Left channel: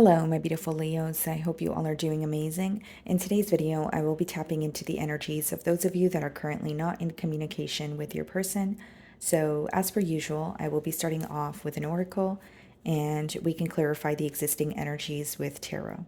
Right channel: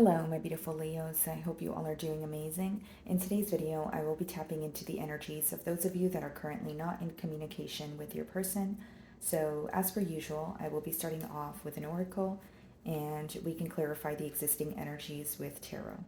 Hello, my beautiful Leos. I hope you all are doing amazing. In today's video, I will be tapping into the energies of those of you that are currently not in communication with your person. So, as per usual, I will be starting off with an oracle and we can clarify the existing energies with tarot.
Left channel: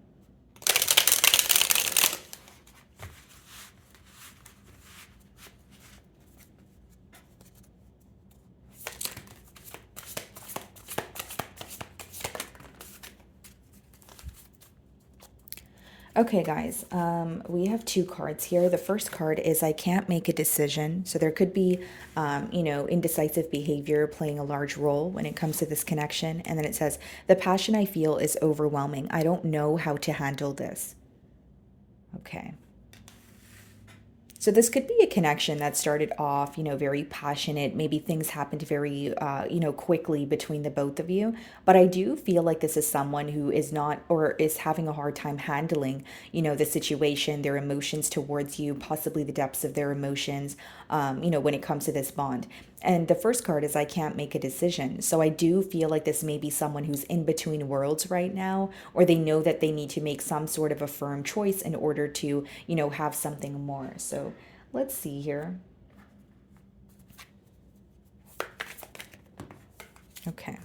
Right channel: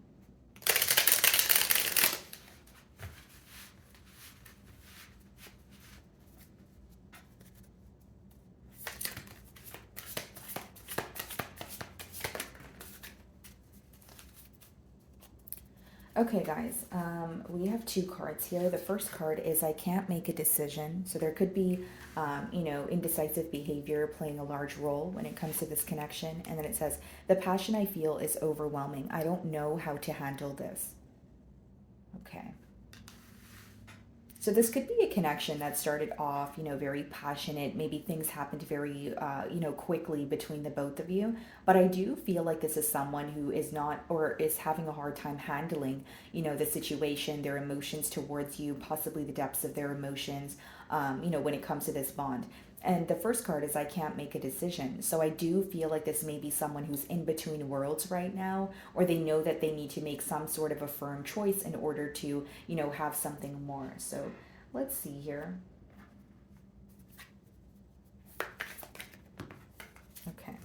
Okay, guys, we have two cards here. The first card is I can't make a decision. So there could be, indecisive behavior playing a large role when it comes to this connection. And then it says, the passion I feel is overwhelming. I don't know how to handle this. Okay. So this could be a connection that started off, very passionate. Maybe things happened very, quickly between the both of you. But I do feel like this is someone who is not or is having a hard time handling, the situation, their emotions towards you, possibly the depths of their emotions, when it comes to this bond. And the first card is I can't make a decision. So I do feel like this may be someone who's in between worlds right now, or they know that they need to make some sort of a firm choice in order to, have something more. So let's see here. Okay.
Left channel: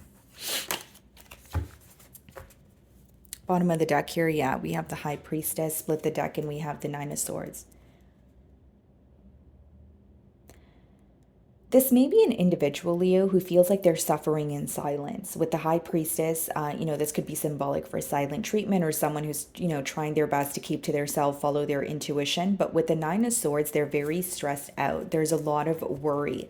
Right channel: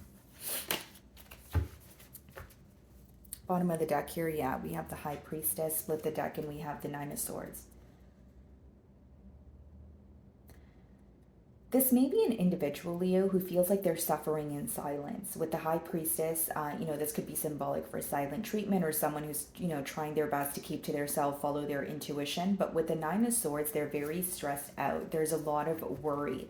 Bottom of the deck here, yeah, we have the High Priestess, split the deck, and we have the Nine of Swords. This may be an individual, Leo, who feels like they're suffering in silence. With the High Priestess, this could be symbolic for silent treatment or someone who's, trying their best to keep to themselves, follow their intuition. But with the Nine of Swords, they're very stressed out. There's a lot of worry.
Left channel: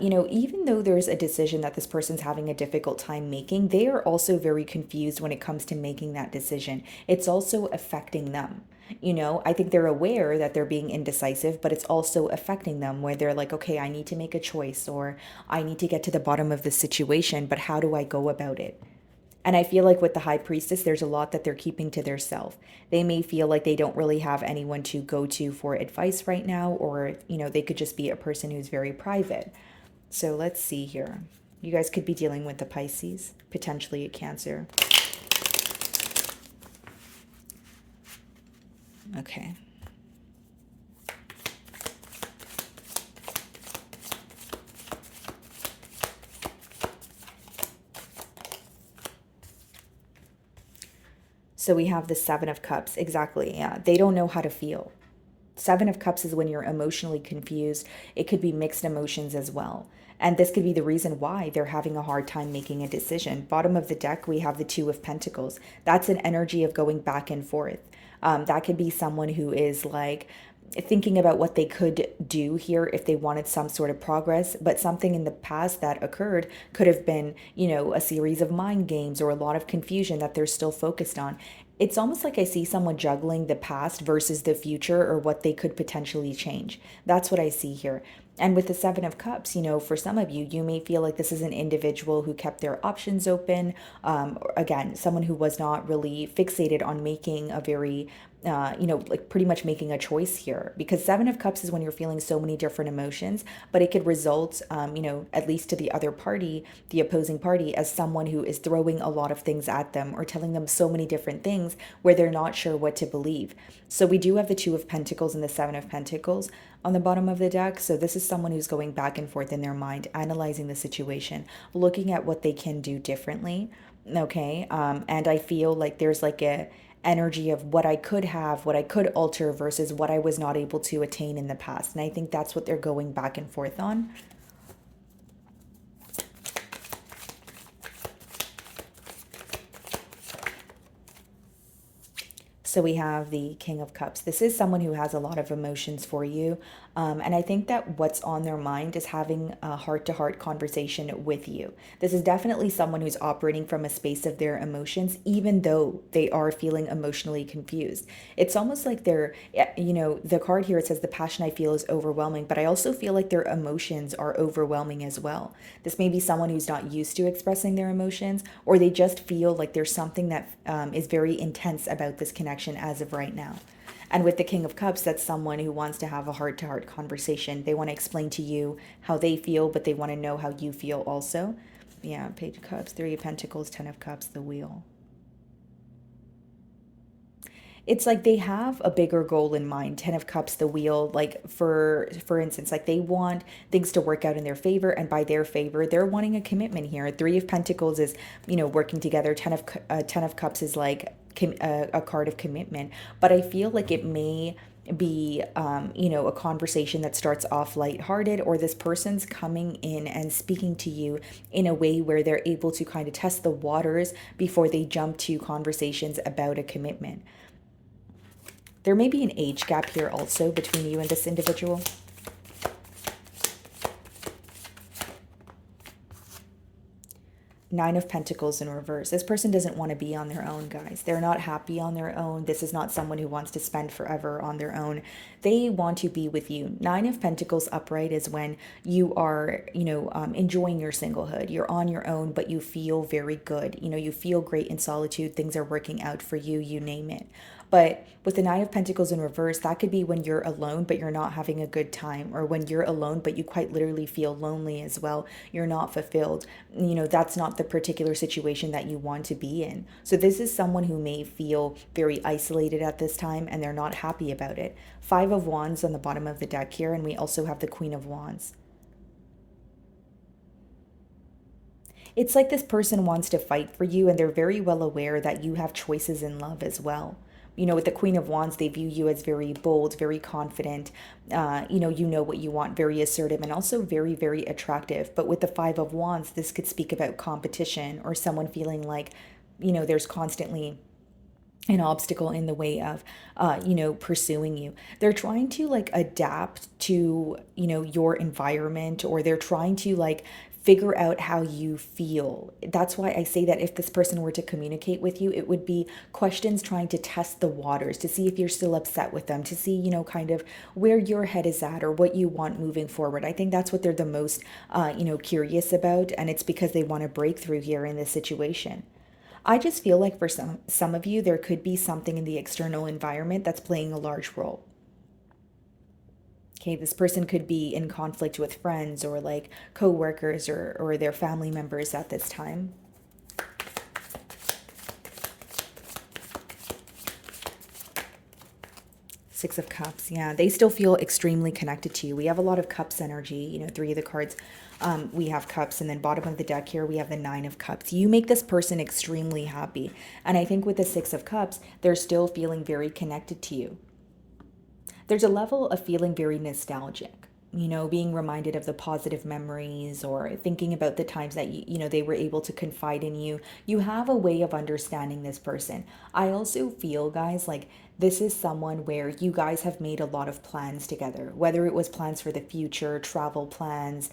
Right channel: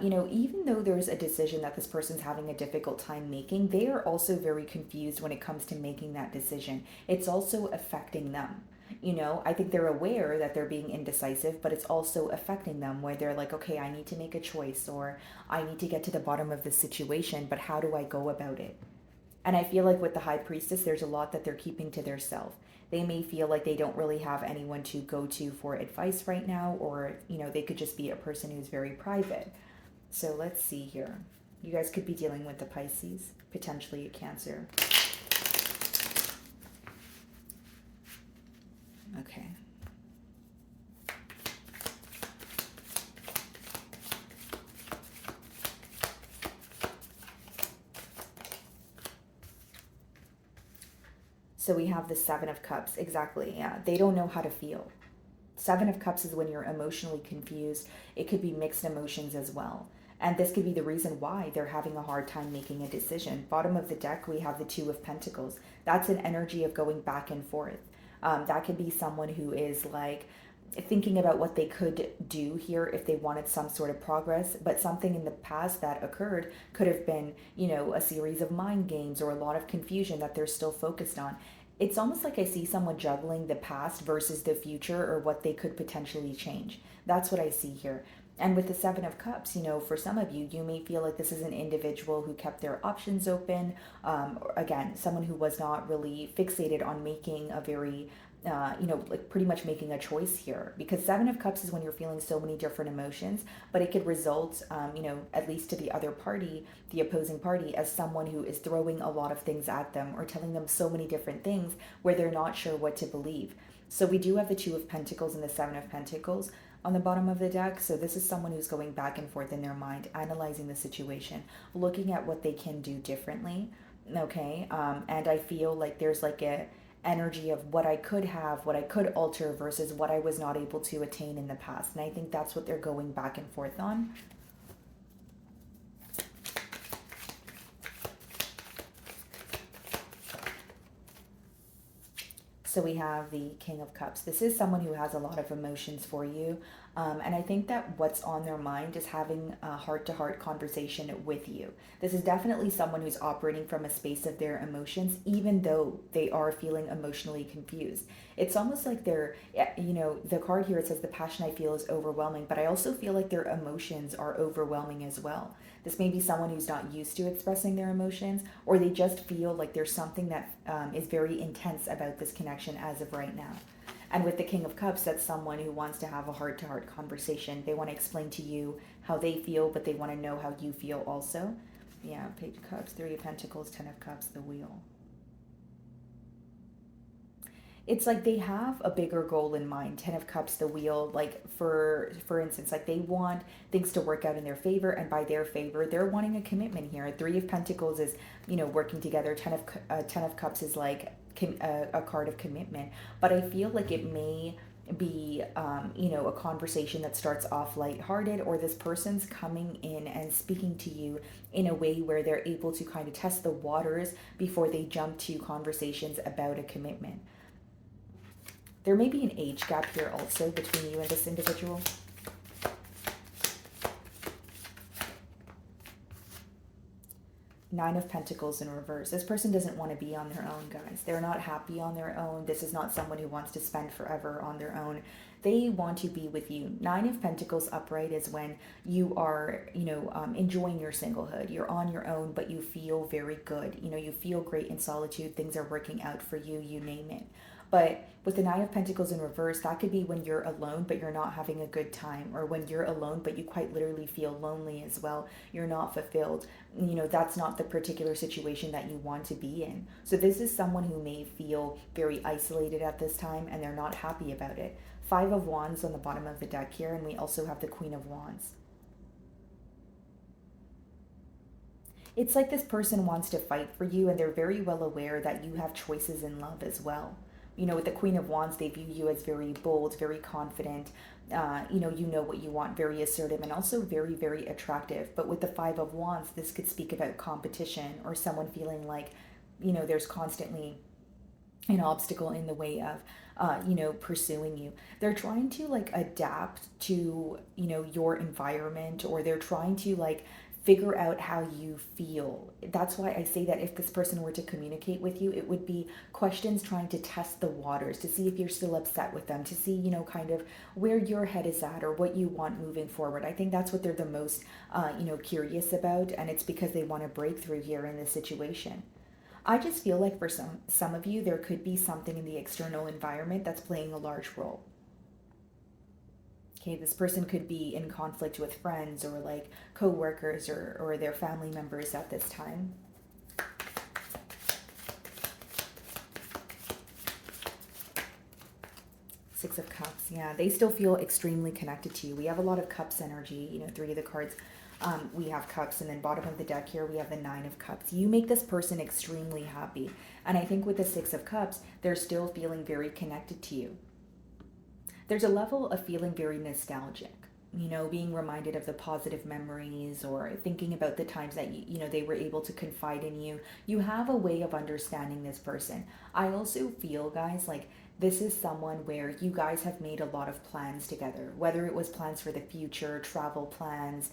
Even though there's a decision that this person's having a difficult time making, they are also very confused when it comes to making that decision. It's also affecting them. I think they're aware that they're being indecisive, but it's also affecting them where they're like, okay, I need to make a choice or I need to get to the bottom of the situation, but how do I go about it? And I feel like with the High Priestess, there's a lot that they're keeping to themselves. They may feel like they don't really have anyone to go to for advice right now, or, they could just be a person who's very private. So let's see here. You guys could be dealing with the Pisces, potentially a Cancer. Okay. So we have the Seven of Cups. Exactly. Yeah. They don't know how to feel. Seven of Cups is when you're emotionally confused. It could be mixed emotions as well. And this could be the reason why they're having a hard time making a decision. Bottom of the deck, we have the Two of Pentacles. That's an energy of going back and forth. That could be someone who is like thinking about what they could do here if they wanted some sort of progress, but something in the past that occurred could have been, a series of mind games or a lot of confusion that they're still focused on. It's almost like I see someone juggling the past versus the future or what they could potentially change. That's what I see here. And with the Seven of Cups, for some of you, you may feel like this is an individual who kept their options open. Or again, someone who was not really fixated on making a very like pretty much making a choice here, because Seven of Cups is when you're feeling so many different emotions, but it could result, at least to the other party, the opposing party, as someone who is throwing a lot of things at them or telling them so many different things where they're not sure what to believe. So we do have the Two of Pentacles and the Seven of Pentacles on the bottom of the deck. So this is someone who's going back and forth in their mind, analyzing the situation, looking at what they can do differently. Okay. And I feel like there's like a energy of what I could have, what I could alter versus what I was not able to attain in the past. And I think that's what they're going back and forth on. So we have the King of Cups. This is someone who has a lot of emotions for you. And I think that what's on their mind is having a heart-to-heart conversation with you. This is definitely someone who's operating from a space of their emotions, even though they are feeling emotionally confused. It's almost like they're, the card here, it says the passion I feel is overwhelming, but I also feel like their emotions are overwhelming as well. This may be someone who's not used to expressing their emotions, or they just feel like there's something that is very intense about this connection as of right now. And with the King of Cups, that's someone who wants to have a heart-to-heart conversation. They want to explain to you how they feel, but they want to know how you feel also. Yeah, Page of Cups, Three of Pentacles, Ten of Cups, the Wheel. It's like they have a bigger goal in mind. 10 of cups, the wheel, like for instance, like they want things to work out in their favor, and by their favor they're wanting a commitment here. 3 of pentacles is, working together. 10 of cups is like a card of commitment. But I feel like it may be a conversation that starts off lighthearted, or this person's coming in and speaking to you in a way where they're able to kind of test the waters before they jump to conversations about a commitment. There may be an age gap here also between you and this individual. Nine of Pentacles in reverse. This person doesn't want to be on their own, guys. They're not happy on their own. This is not someone who wants to spend forever on their own. They want to be with you. Nine of Pentacles upright is when you are, enjoying your singlehood. You're on your own, but you feel very good. You feel great in solitude. Things are working out for you, you name it. But with the Nine of Pentacles in reverse, that could be when you're alone, but you're not having a good time, or when you're alone, but you quite literally feel lonely as well. You're not fulfilled. That's not the particular situation that you want to be in. So this is someone who may feel very isolated at this time, and they're not happy about it. Five of Wands on the bottom of the deck here, and we also have the Queen of Wands. It's like this person wants to fight for you, and they're very well aware that you have choices in love as well. With the Queen of Wands, they view you as very bold, very confident. You know what you want, very assertive, and also very, very attractive. But with the Five of Wands, this could speak about competition, or someone feeling like, there's constantly an obstacle in the way of pursuing you. They're trying to like adapt to your environment, or they're trying to like figure out how you feel. That's why I say that if this person were to communicate with you, it would be questions trying to test the waters, to see if you're still upset with them, to see kind of where your head is at, or what you want moving forward. I think that's what they're the most curious about, and it's because they want a breakthrough here in this situation. I just feel like for some of you, there could be something in the external environment that's playing a large role. Okay, this person could be in conflict with friends, or like co-workers, or their family members at this time. Six of Cups. Yeah, they still feel extremely connected to you. We have a lot of Cups energy, 3 of the cards. We have Cups, and then bottom of the deck here, we have the Nine of Cups. You make this person extremely happy. And I think with the Six of Cups, they're still feeling very connected to you. There's a level of feeling very nostalgic, being reminded of the positive memories, or thinking about the times that they were able to confide in you. You have a way of understanding this person. I also feel, guys, like this is someone where you guys have made a lot of plans together, whether it was plans for the future, travel plans,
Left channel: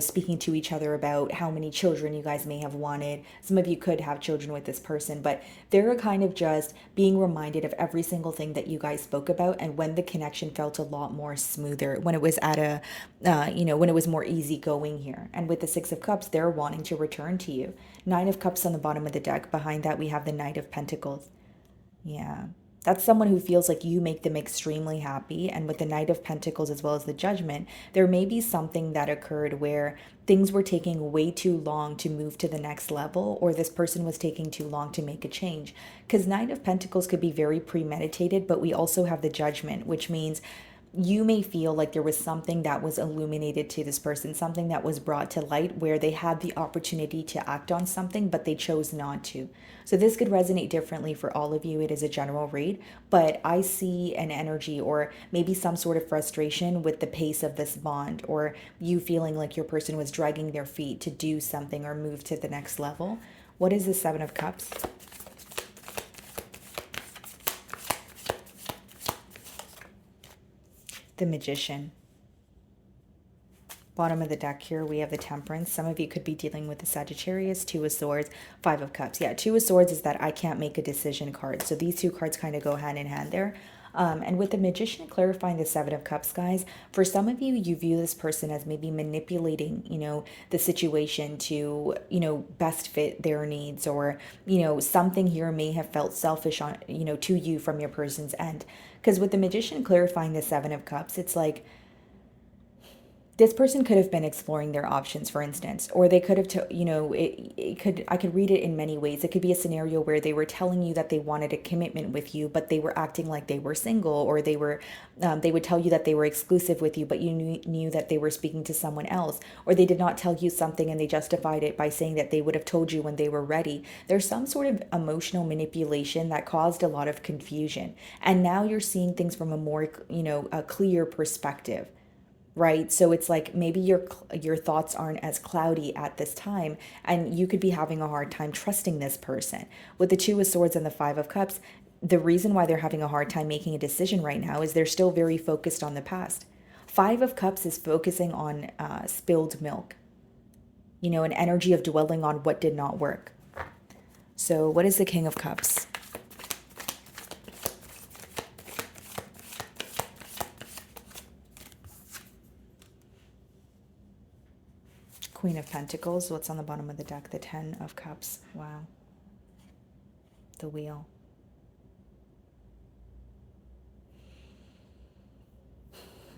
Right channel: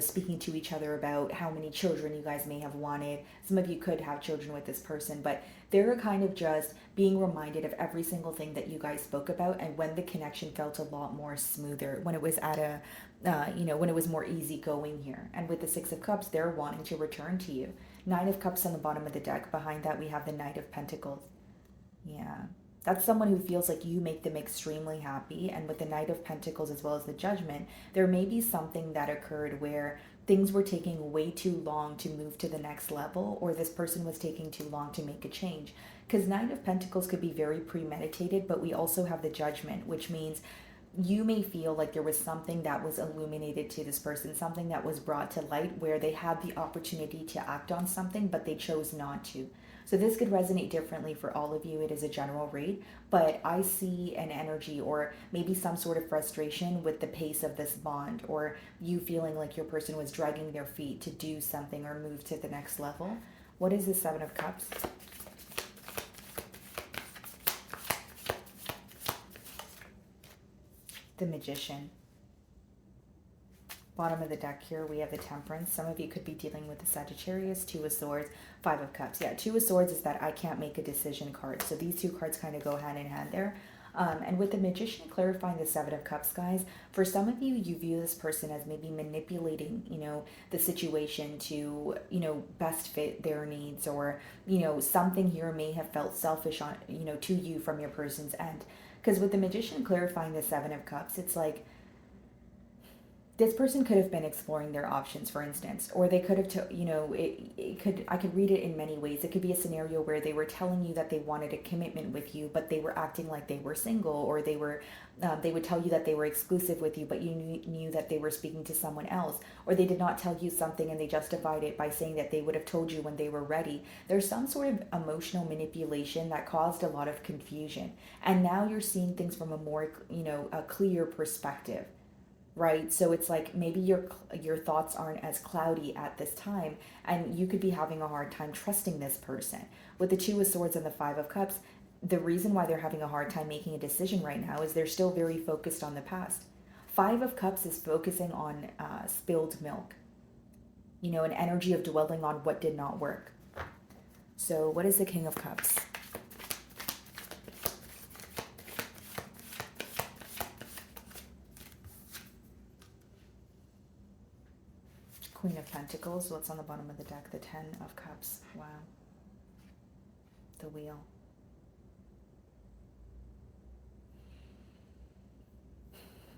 speaking to each other about how many children you guys may have wanted. Some of you could have children with this person, but they're kind of just being reminded of every single thing that you guys spoke about, and when the connection felt a lot more smoother, when it was at a, when it was more easygoing here. And with the Six of Cups, they're wanting to return to you. Nine of Cups on the bottom of the deck. Behind that, we have the Knight of Pentacles. Yeah. That's someone who feels like you make them extremely happy. And with the Knight of Pentacles as well as the Judgment, there may be something that occurred where things were taking way too long to move to the next level, or this person was taking too long to make a change. Because Knight of Pentacles could be very premeditated, but we also have the Judgment, which means you may feel like there was something that was illuminated to this person, something that was brought to light where they had the opportunity to act on something, but they chose not to. So this could resonate differently for all of you. It is a general read, but I see an energy, or maybe some sort of frustration with the pace of this bond, or you feeling like your person was dragging their feet to do something or move to the next level. What is the Seven of Cups? The Magician. Bottom of the deck here, we have the Temperance. Some of you could be dealing with the Sagittarius. Two of Swords, Five of Cups. Yeah, Two of Swords is that I can't make a decision card. So these two cards kind of go hand in hand there. And with the Magician clarifying the Seven of Cups, guys, for some of you, you view this person as maybe manipulating, the situation to, best fit their needs, or, something here may have felt selfish on, to you from your person's end. Because with the Magician clarifying the Seven of Cups, it's like This person could have been exploring their options, for instance, or they could have it could, I could read it in many ways. It could be a scenario where they were telling you that they wanted a commitment with you, but they were acting like they were single, or they would tell you that they were exclusive with you, but you knew that they were speaking to someone else, or they did not tell you something and they justified it by saying that they would have told you when they were ready. There's some sort of emotional manipulation that caused a lot of confusion, and now you're seeing things from a more, a clear perspective, right? So it's like maybe your thoughts aren't as cloudy at this time, and you could be having a hard time trusting this person. With the Two of Swords and the Five of Cups, the reason why they're having a hard time making a decision right now is they're still very focused on the past. Five of Cups is focusing on spilled milk, an energy of dwelling on what did not work. So what is the King of Cups? Queen of Pentacles. What's on the bottom of the deck? The Ten of Cups. Wow. The Wheel.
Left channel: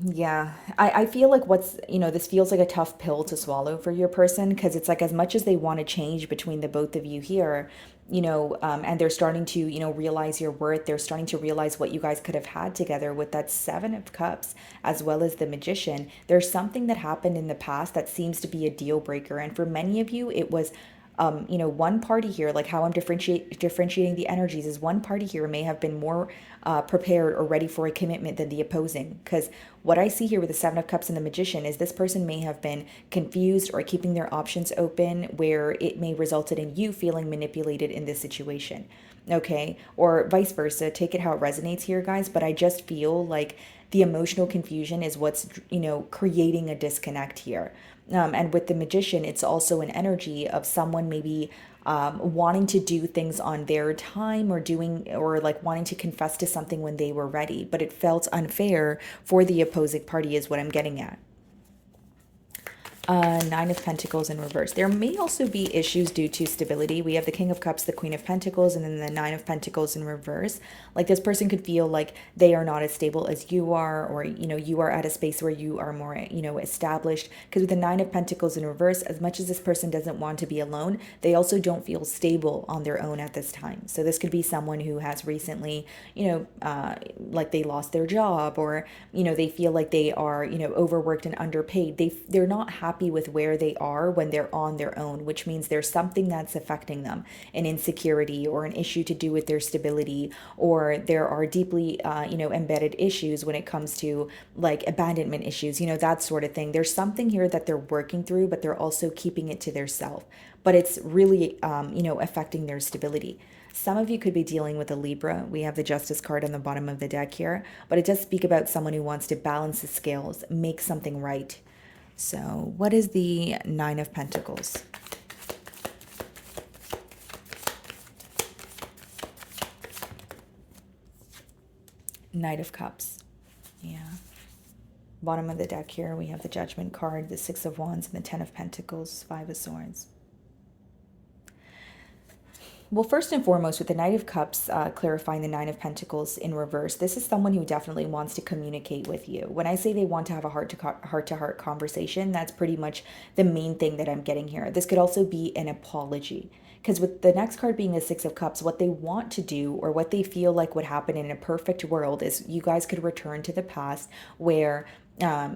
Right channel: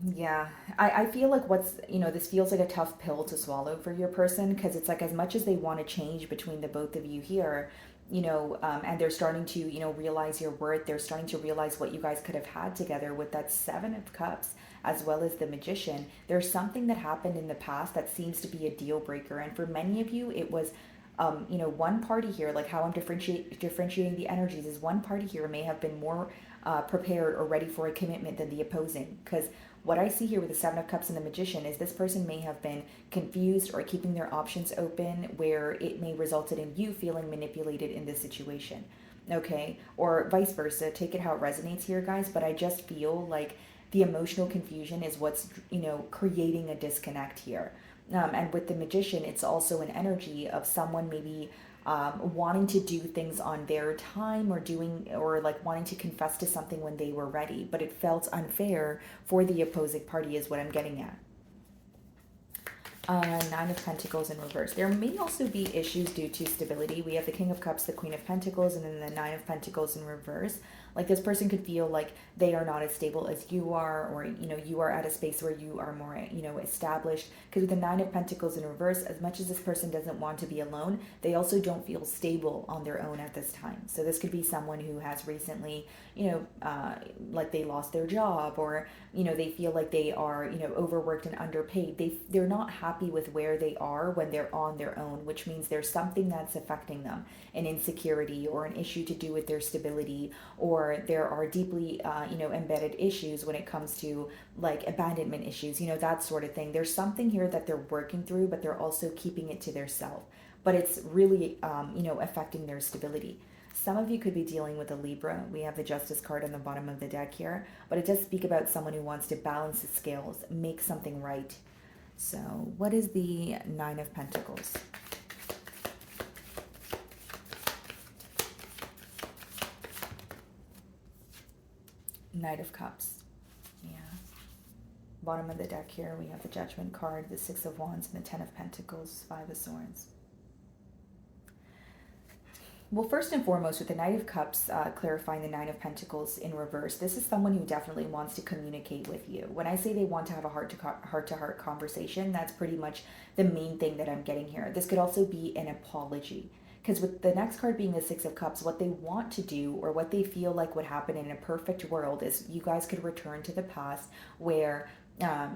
Yeah, I feel like this feels like a tough pill to swallow for your person, because it's like as much as they want to change between the both of you here, and they're starting to, realize your worth. They're starting to realize what you guys could have had together with that Seven of Cups, as well as the Magician. There's something that happened in the past that seems to be a deal breaker. And for many of you, it was one party here, like how I'm differentiating the energies, is one party here may have been more prepared or ready for a commitment than the opposing. Because what I see here with the Seven of Cups and the Magician is this person may have been confused or keeping their options open, where it may resulted in you feeling manipulated in this situation. Okay, or vice versa. Take it how it resonates here, guys. But I just feel like the emotional confusion is what's creating a disconnect here. And with the Magician, it's also an energy of someone maybe wanting to do things on their time, or like wanting to confess to something when they were ready, but it felt unfair for the opposing party, is what I'm getting at. Nine of Pentacles in reverse. There may also be issues due to stability. We have the King of Cups, the Queen of Pentacles, and then the Nine of Pentacles in reverse. Like this person could feel like they are not as stable as you are, or, you are at a space where you are more, established. Because with the Nine of Pentacles in reverse, as much as this person doesn't want to be alone, they also don't feel stable on their own at this time. So this could be someone who has recently, like they lost their job, or, they feel like they are, overworked and underpaid. They're not happy with where they are when they're on their own, which means there's something that's affecting them, an insecurity or an issue to do with their stability, or there are deeply embedded issues when it comes to like abandonment issues, that sort of thing. There's something here that they're working through, but they're also keeping it to their self, but it's really affecting their stability. Some of you could be dealing with a Libra. We have the Justice card on the bottom of the deck here, but it does speak about someone who wants to balance the scales, make something right. So what is the Nine of Pentacles? Knight of Cups. Yeah. Bottom of the deck here, we have the Judgment card, the Six of Wands, and the Ten of Pentacles, Five of Swords. Well, first and foremost, with the Knight of Cups clarifying the Nine of Pentacles in reverse, this is someone who definitely wants to communicate with you. When I say they want to have a heart-to-heart conversation, that's pretty much the main thing that I'm getting here. This could also be an apology. Because with the next card being the Six of Cups, what they want to do, or what they feel like would happen in a perfect world, is you guys could return to the past where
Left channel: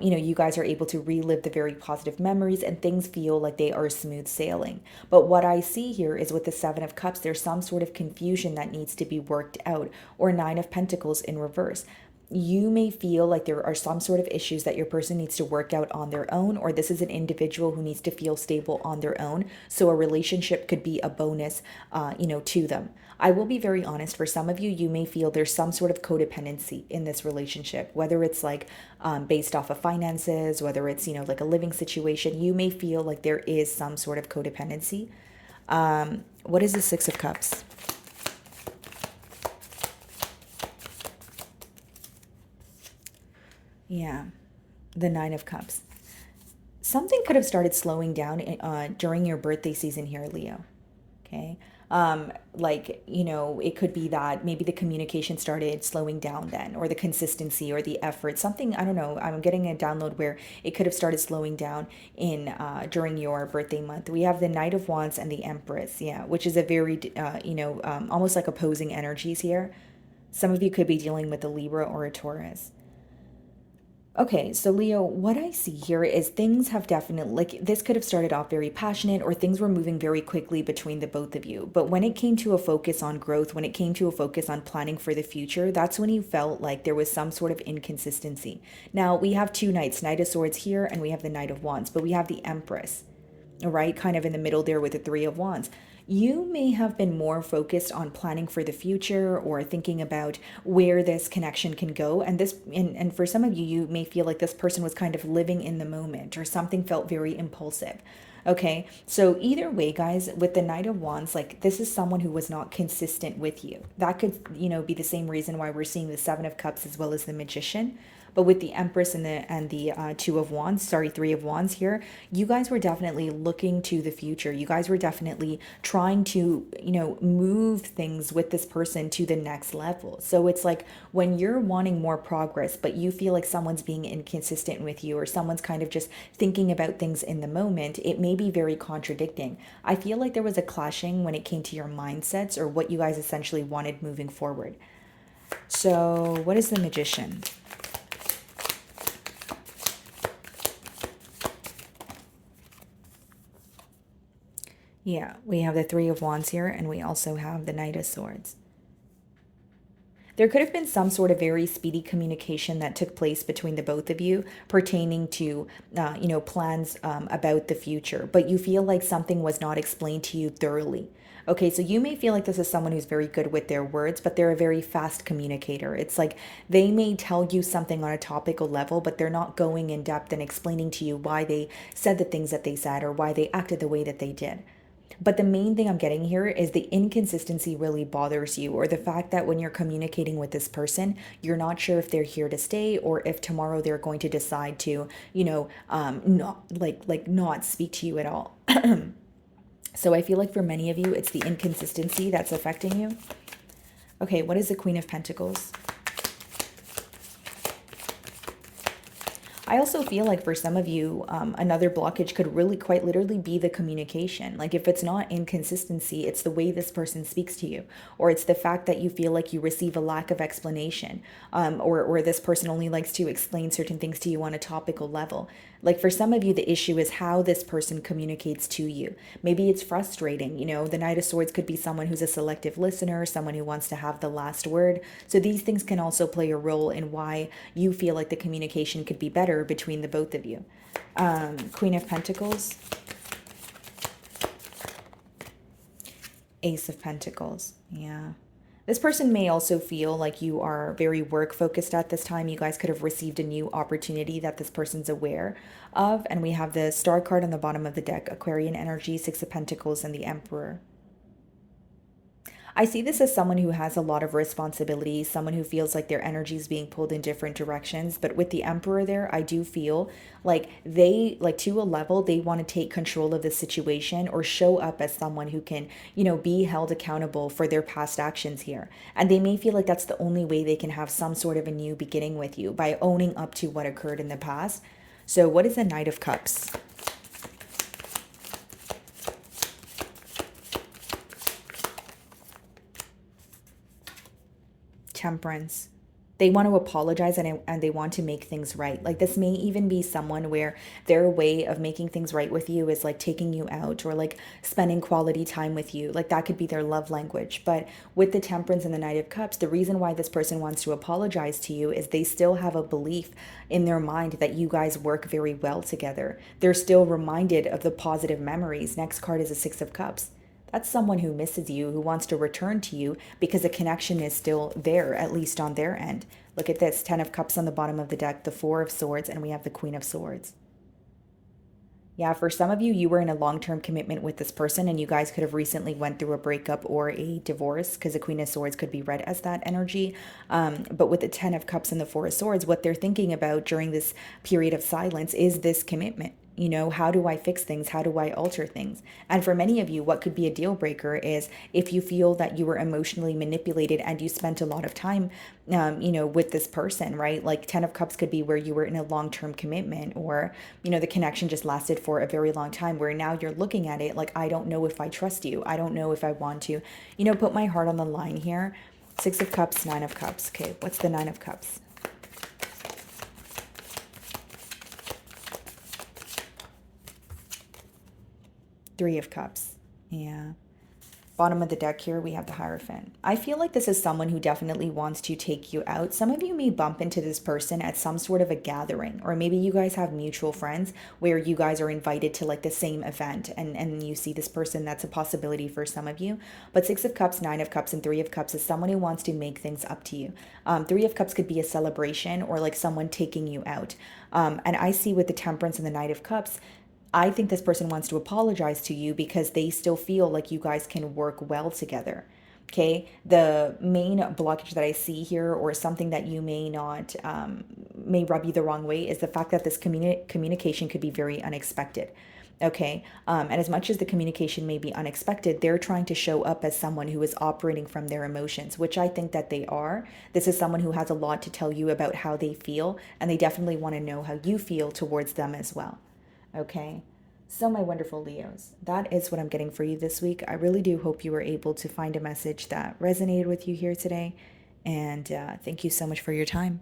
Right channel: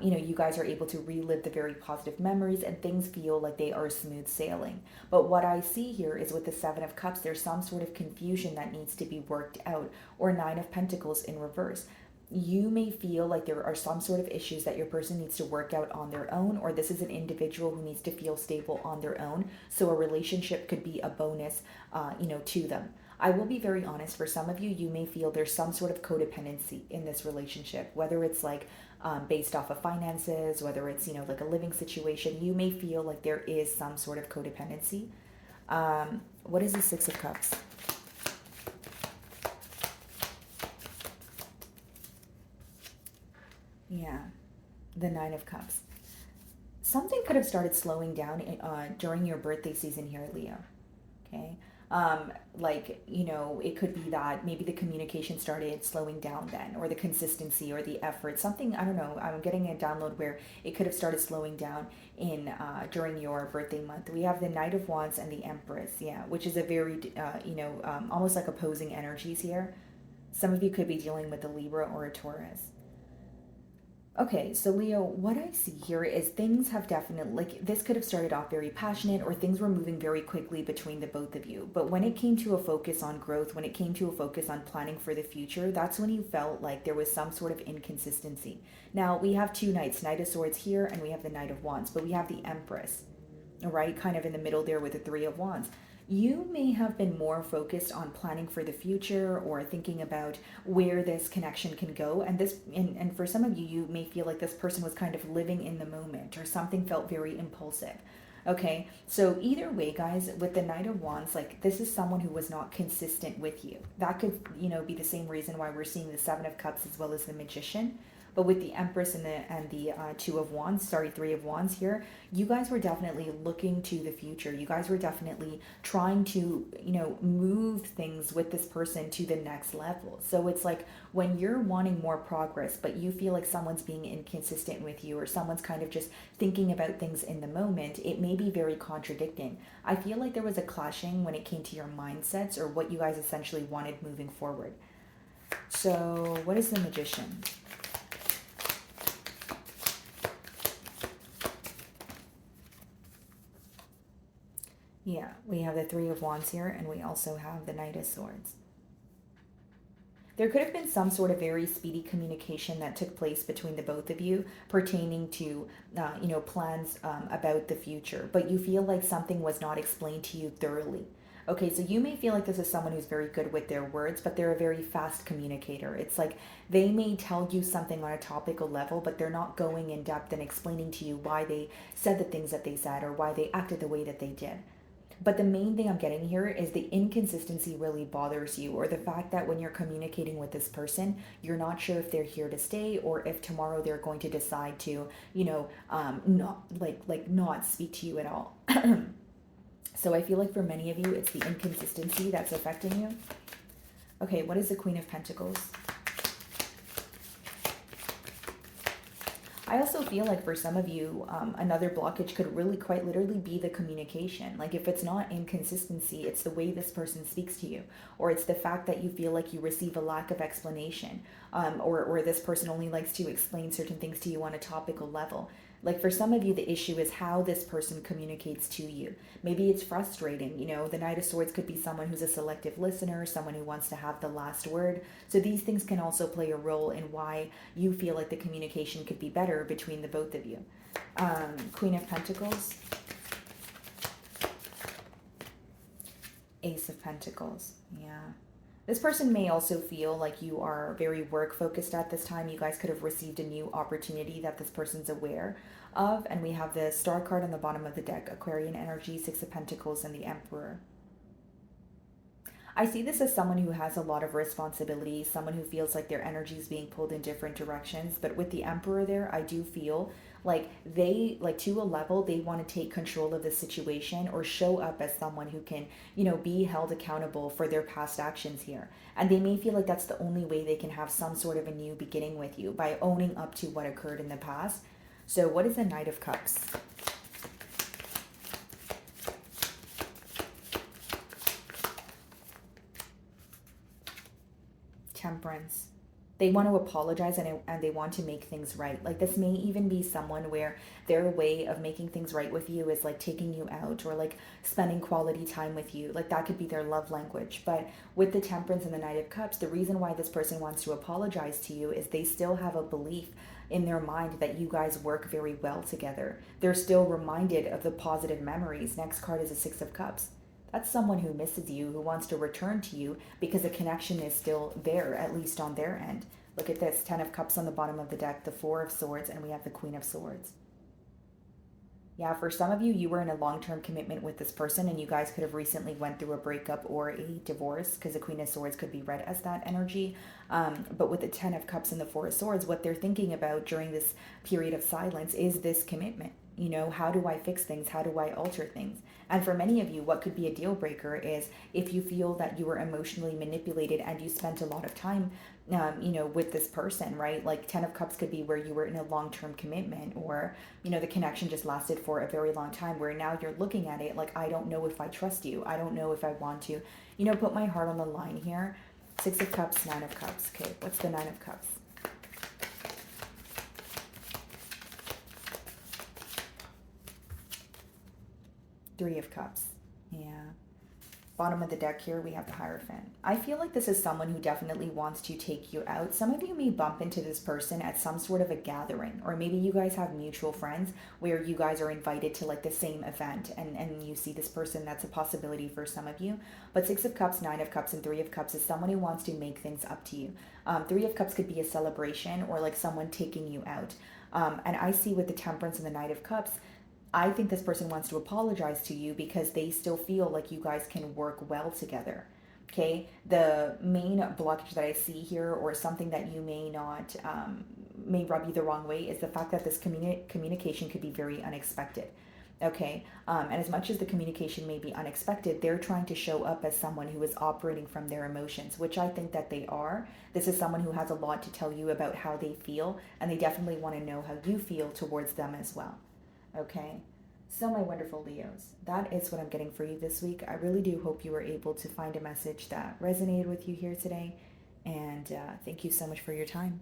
you guys are able to relive the very positive memories and things feel like they are smooth sailing. But what I see here is with the Seven of Cups, there's some sort of confusion that needs to be worked out, or Nine of Pentacles in reverse. You may feel like there are some sort of issues that your person needs to work out on their own, or this is an individual who needs to feel stable on their own. So a relationship could be a bonus, to them. I will be very honest, for some of you, you may feel there's some sort of codependency in this relationship, whether it's like based off of finances, whether it's, like a living situation. You may feel like there is some sort of codependency. What is the Six of Cups? Yeah, the Nine of Cups. Something could have started slowing down during your birthday season here, Leo. Okay. Like, it could be that maybe the communication started slowing down then, or the consistency or the effort, something, I don't know. I'm getting a download where it could have started slowing down in during your birthday month. We have the Knight of Wands and the Empress, yeah, which is a very, almost like opposing energies here. Some of you could be dealing with a Libra or a Taurus. Okay, so Leo, what I see here is things have definitely, like, this could have started off very passionate, or things were moving very quickly between the both of you. But when it came to a focus on growth, when it came to a focus on planning for the future, that's when you felt like there was some sort of inconsistency. Now, we have two knights, Knight of Swords here, and we have the Knight of Wands, but we have the Empress, all right, kind of in the middle there with the Three of Wands. You may have been more focused on planning for the future, or thinking about where this connection can go. And for some of you, you may feel like this person was kind of living in the moment, or something felt very impulsive. Okay, so either way, guys, with the Knight of Wands, like, this is someone who was not consistent with you. That could, be the same reason why we're seeing the Seven of Cups as well as the Magician. But with the Empress and the Two of Wands, sorry, Three of Wands here, you guys were definitely looking to the future. You guys were definitely trying to, move things with this person to the next level. So it's like, when you're wanting more progress, but you feel like someone's being inconsistent with you, or someone's kind of just thinking about things in the moment, it may be very contradicting. I feel like there was a clashing when it came to your mindsets, or what you guys essentially wanted moving forward. So, what is the Magician? Yeah, we have the Three of Wands here, and we also have the Knight of Swords. There could have been some sort of very speedy communication that took place between the both of you, pertaining to, plans about the future, but you feel like something was not explained to you thoroughly. Okay, so you may feel like this is someone who's very good with their words, but they're a very fast communicator. It's like they may tell you something on a topical level, but they're not going in depth and explaining to you why they said the things that they said, or why they acted the way that they did. But the main thing I'm getting here is the inconsistency really bothers you, or the fact that when you're communicating with this person, you're not sure if they're here to stay, or if tomorrow they're going to decide to, not not speak to you at all. So I feel like for many of you, it's the inconsistency that's affecting you. Okay, what is the Queen of Pentacles? I also feel like for some of you, another blockage could really quite literally be the communication. Like, if it's not inconsistency, it's the way this person speaks to you, or it's the fact that you feel like you receive a lack of explanation, or this person only likes to explain certain things to you on a topical level. Like, for some of you, the issue is how this person communicates to you. Maybe it's frustrating. The Knight of Swords could be someone who's a selective listener, someone who wants to have the last word. So these things can also play a role in why you feel like the communication could be better between the both of you. Queen of Pentacles. Ace of Pentacles. Yeah. This person may also feel like you are very work focused at this time. You guys could have received a new opportunity that this person's aware of. And we have the Star card on the bottom of the deck, Aquarian energy, Six of Pentacles, and the Emperor. I see this as someone who has a lot of responsibility, someone who feels like their energy is being pulled in different directions. But with the Emperor there, I do feel like they, like, to a level, they want to take control of the situation, or show up as someone who can, be held accountable for their past actions here. And they may feel like that's the only way they can have some sort of a new beginning with you, by owning up to what occurred in the past. So what is the Knight of Cups? Temperance. They want to apologize, and they want to make things right. Like, this may even be someone where their way of making things right with you is like taking you out, or like spending quality time with you. Like, that could be their love language. But with the Temperance and the Knight of Cups, the reason why this person wants to apologize to you is they still have a belief in their mind that you guys work very well together. They're still reminded of the positive memories. Next card is a Six of Cups. That's someone who misses you, who wants to return to you because a connection is still there, at least on their end. Look at this, 10 of Cups on the bottom of the deck, the Four of Swords, and we have the Queen of Swords. Yeah, for some of you, you were in a long-term commitment with this person, and you guys could have recently went through a breakup or a divorce, because the Queen of Swords could be read as that energy. But with the 10 of Cups and the Four of Swords, what they're thinking about during this period of silence is this commitment. You know, how do I fix things? How do I alter things? And for many of you, what could be a deal breaker is if you feel that you were emotionally manipulated and you spent a lot of time, you know, with this person, right? Like 10 of Cups could be where you were in a long term commitment, or, you know, the connection just lasted for a very long time, where now you're looking at it like, I don't know if I trust you. I don't know if I want to, you know, put my heart on the line here. 6 of Cups, 9 of Cups. Okay, what's the 9 of Cups? Three of Cups. Yeah. Bottom of the deck here, we have the Hierophant. I feel like this is someone who definitely wants to take you out. Some of you may bump into this person at some sort of a gathering, or maybe you guys have mutual friends where you guys are invited to like the same event, and you see this person. That's a possibility for some of you. But 6 of Cups, 9 of Cups, and 3 of Cups is someone who wants to make things up to you. 3 of Cups could be a celebration or like someone taking you out. And I see with the Temperance and the Knight of Cups, I think this person wants to apologize to you because they still feel like you guys can work well together. Okay, the main blockage that I see here, or something that you may not, may rub you the wrong way, is the fact that this communication could be very unexpected. Okay, and as much as the communication may be unexpected, they're trying to show up as someone who is operating from their emotions, which I think that they are. This is someone who has a lot to tell you about how they feel, and they definitely want to know how you feel towards them as well. Okay. So, my wonderful Leos, that is what I'm getting for you this week. I really do hope you were able to find a message that resonated with you here today. And thank you so much for your time.